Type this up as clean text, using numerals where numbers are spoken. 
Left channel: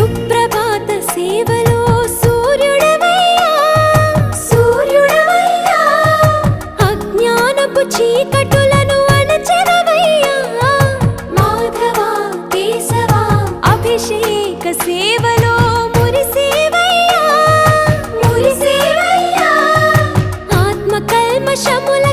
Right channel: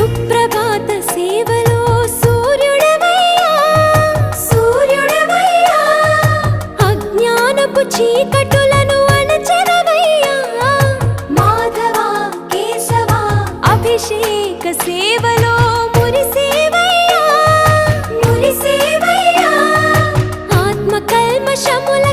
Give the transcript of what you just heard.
సుప్రభాత సేవలో సూర్యుడవయ్యా సూర్యుడవయ్యా అజ్ఞానపు చీకటులను అణచెదవయ్యా మాధవ కేశవ అభిషేక సేవలో మురిసేవయ్యా మురిసేవయ్యా ఆత్మ కల్మషముల